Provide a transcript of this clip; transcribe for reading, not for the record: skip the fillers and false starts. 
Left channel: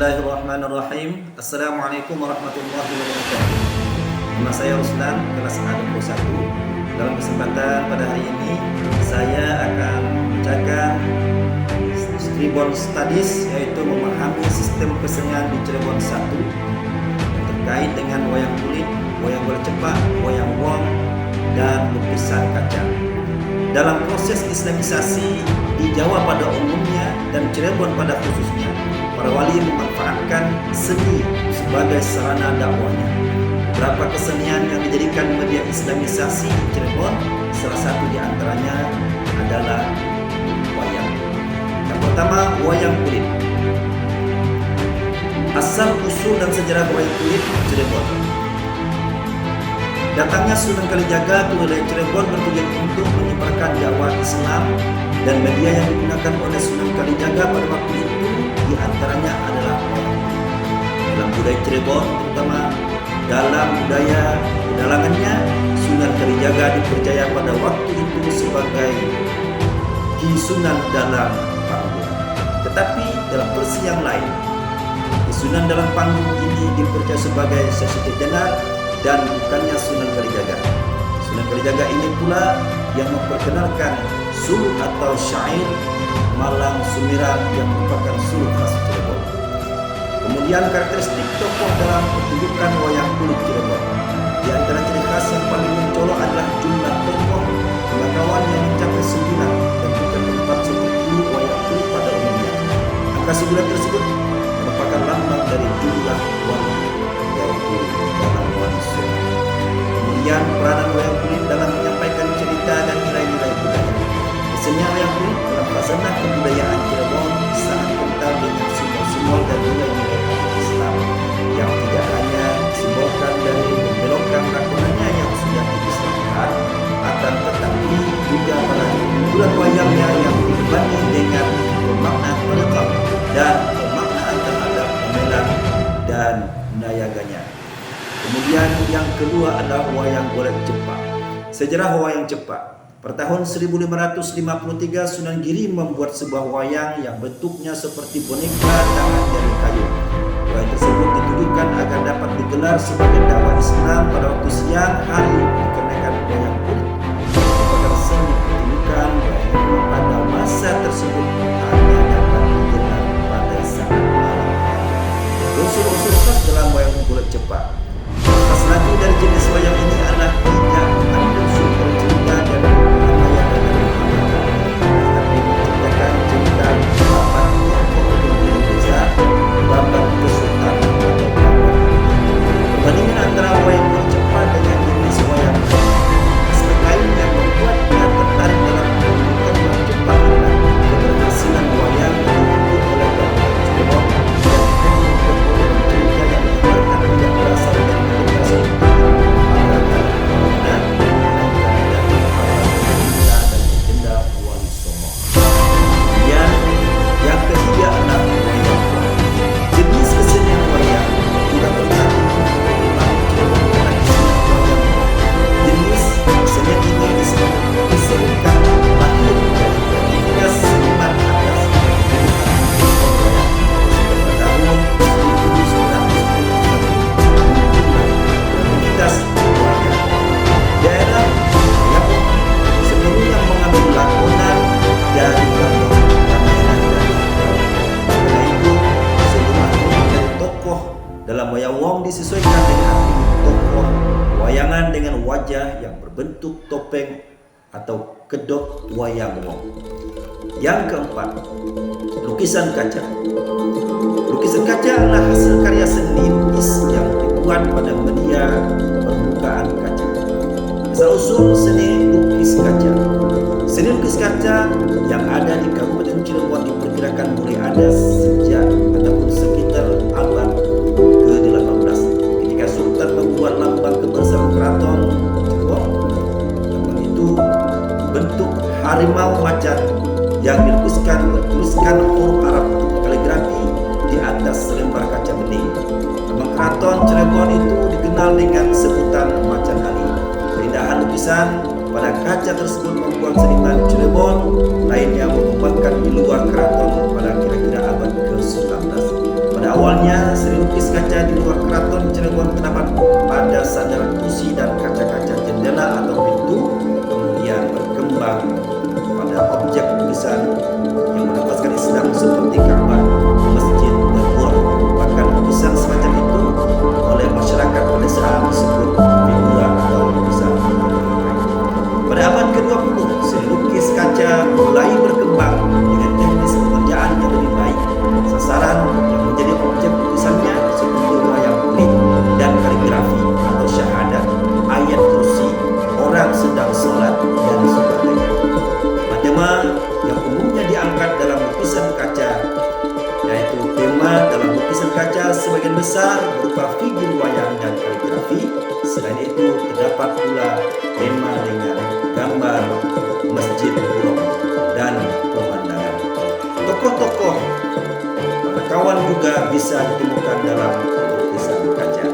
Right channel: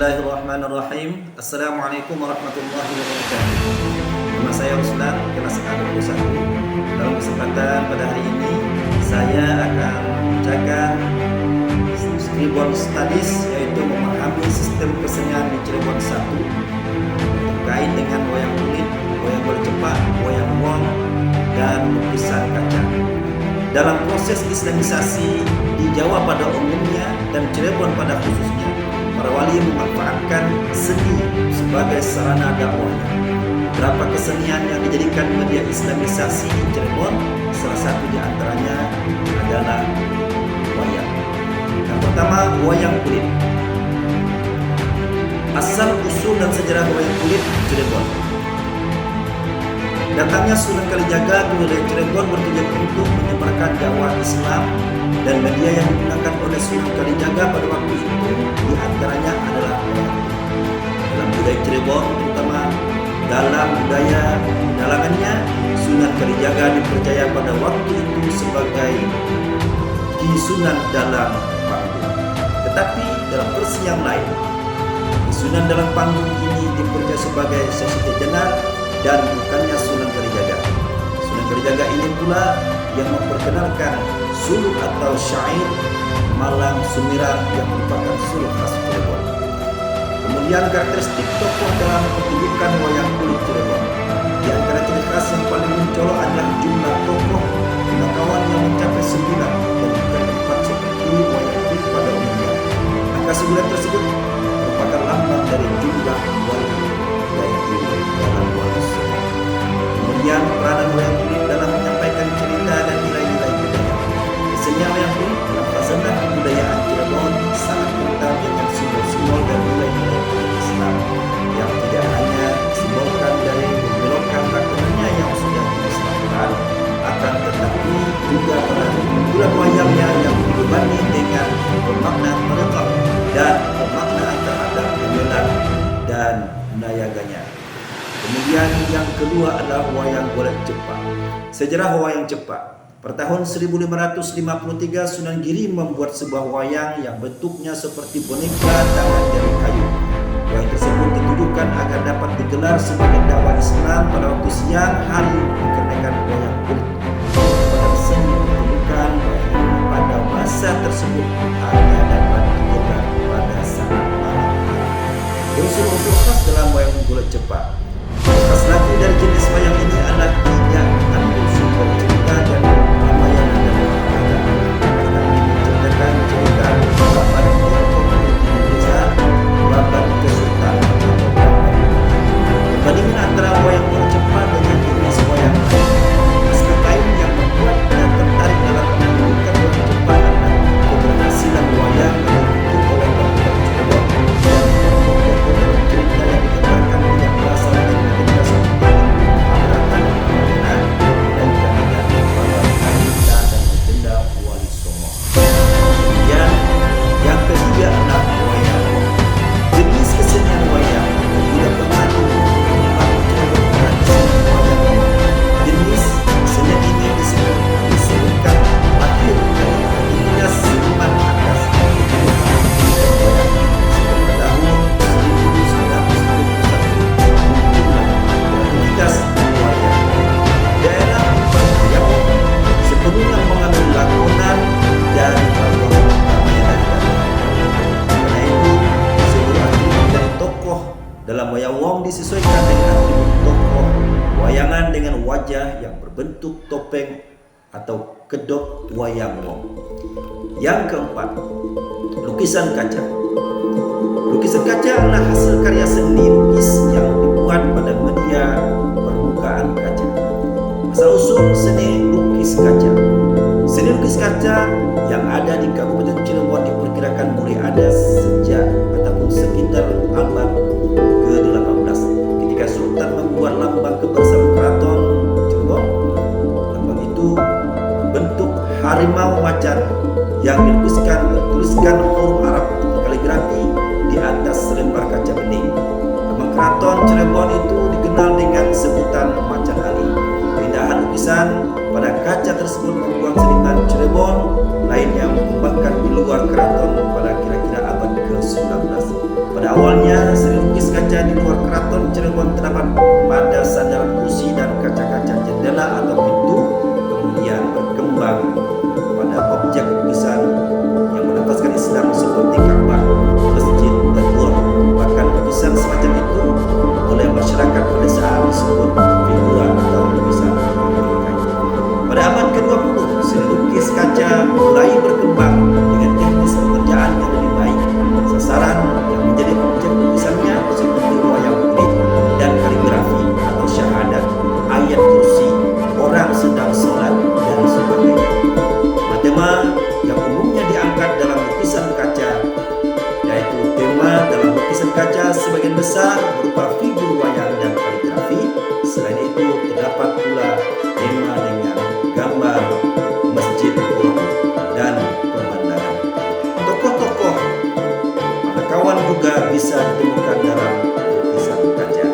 Bismillahirrahmanirrahim. Assalamualaikum warahmatullahi wabarakatuh. Nama saya Ruslan, kelas A21. Dalam kesempatan pada hari ini saya akan membacakan Cirebon Studies, yaitu memahami sistem kesenian di Cirebon 1 yang terkait dengan wayang kulit, wayang bola cepak, wayang wong, dan lukisan kaca. Dalam proses islamisasi di Jawa pada umumnya dan Cirebon pada khususnya, para wali memanfaatkan seni sebagai sarana dakwahnya. Beberapa kesenian yang dijadikan media islamisasi di Cirebon, salah satu di antaranya adalah wayang. Yang pertama, wayang kulit. Asal usul dan sejarah wayang kulit Cirebon. Datangnya Sunan Kalijaga ke wilayah Cirebon bertujuan untuk menyebarkan dakwah Islam, dan media yang digunakan oleh Sunan Kalijaga pada waktu itu diantaranya adalah wayang kulit. Dalam budaya Cirebon, terutama dalam budaya pedalangannya, Sunan Kalijaga dipercaya pada waktu itu sebagai Ki Sunan dalam panggung. Tetapi dalam versi yang lain, Ki Sunan dalam panggung ini dipercaya sebagai Sesiti Jenar dan bukannya Sunan Kalijaga. Sunan Kalijaga ini pula yang memperkenalkan suluk atau syair Malang Sumirang yang merupakan suluk khas Cirebon. Kemudian karakteristik tokoh dalam pertunjukan wayang kulit Cirebon. Di antara ciri khas yang paling mencolok adalah jumlah tokoh kenakawan yang mencapai 9 dan bukan 4 seperti wayang kulit pada umumnya. Angka 9 tersebut merupakan lambang dari jumlah wali, yaitu dalam wali songo. Kemudian peranan wayang kulit dalam menyampaikan cerita dan nilai-nilai budaya. Kesenian wayang kulit dalam khazanah kebudayaan Cirebon sangat kental dengan simbol-simbol dan nilai-nilai agama Islam yang tidak hanya disimbolkan dari membelokkan lakonannya yang sudah diislamkan, akan tetapi juga pada benturan wayangnya yang dibebani dengan pemaknaan merekam dan pemaknaan terhadap pemelan dan nayaganya. Kemudian yang kedua adalah wayang bola cepak. Sejarah wayang cepak. Pada tahun 1553 Sunan Giri membuat sebuah wayang yang bentuknya seperti boneka tangan dari kayu. Wayang tersebut ditujukan agar dapat digelar sebagai dakwah Islam pada waktu siang hari, dikarenakan wayang kulit merupakan seni pertunjukan wayang pada masa tersebut hanya dapat digelar pada saat malam hari. Unsur-unsur khas dalam wayang bola cepak. Khas lagi dari jenis wayang ini adalah tidak mengambil sumber cerita dan ramayana dari Muhammad, tetapi menciptakan cerita babat tokoh pemimpin desa, babat kesultanan atau babat. Perbandingan antara wayang bola cepak dengan jenis wayang lain. Aspek lain yang membuatnya tertarik dalam menunjukkan wayang cepak adalah keberhasilan wayang yang dibentuk oleh bangunan Cirebon dan tokoh-tokoh dalam cerita yang digambarkan tidak berasal dari generasi Abraham dan Ramayana, melainkan dari para wanita dan legenda wali songo. Kemudian yang ketiga adalah wayang wong. Jenis kesenian wayang yang juga pernah tumbuh berkembang di Cirebon adalah kesenian wayang wong. Jenis kesenian ini disebutkan lahir dari kreativitas seniman atas kebutuhan pendidikan wayang sejak tahun 1921 muncullah kreativitas wayang wong. Daerah wayang wong sebelumnya mengambil lakonan dari tokoh Ramayana dan karena itu seluruh atribut dari tokoh dalam wayang wong disesuaikan dengan atribut tokoh wayangan dengan wajah yang berbentuk topeng atau kedok wayang wong. Yang keempat, lukisan kaca. Lukisan kaca adalah hasil karya seni lukis yang dibuat pada media permukaan kaca. Asal-usul seni lukis kaca. Seni lukis kaca yang ada di Kabupaten Cirebon diperkirakan mulai ada sejak ataupun sekitar abad ke-18 ketika Sultan membuat lambang kebersamaan Keraton Cirebon. Lambang itu bentuk harimau macan yang bertuliskan huruf Arab kaligrafi di atas selembar kaca bening. Lambang Keraton Cirebon itu dikenal dengan sebutan Macan Ali. Keindahan lukisan pada kaca tersebut membuat seniman Cirebon lainnya mengembangkan di luar keraton pada kira-kira abad ke-19. Pada awalnya, seni lukis kaca di luar keraton Cirebon terdapat pada sandaran kursi dan kaca-kaca jendela atau pintu, kemudian berkembang pada objek lukisan yang menafaskan Islam seperti Ka'bah, masjid, dan gua. Bahkan lukisan semacam itu oleh masyarakat pedesaan disebut figura atau lukisan bingkai. Pada abad ke-20, seni lukis kaca mulai berkembang dengan teknis pekerjaan yang lebih baik. Sasaran yang menjadi objek lukisannya seperti wayang kulit dan kaligrafi atau syahadat, ayat kursi, orang sedang sholat, dan sebagainya. Tema yang umumnya diangkat dalam lukisan kaca, yaitu tema dalam lukisan kaca sebagian besar berupa figur wayang dan kaligrafi. Selain itu terdapat pula tema dengan gambar masjid, pura, dan pemandangan. Tokoh-tokoh kawan juga bisa ditemukan dalam lukisan kaca.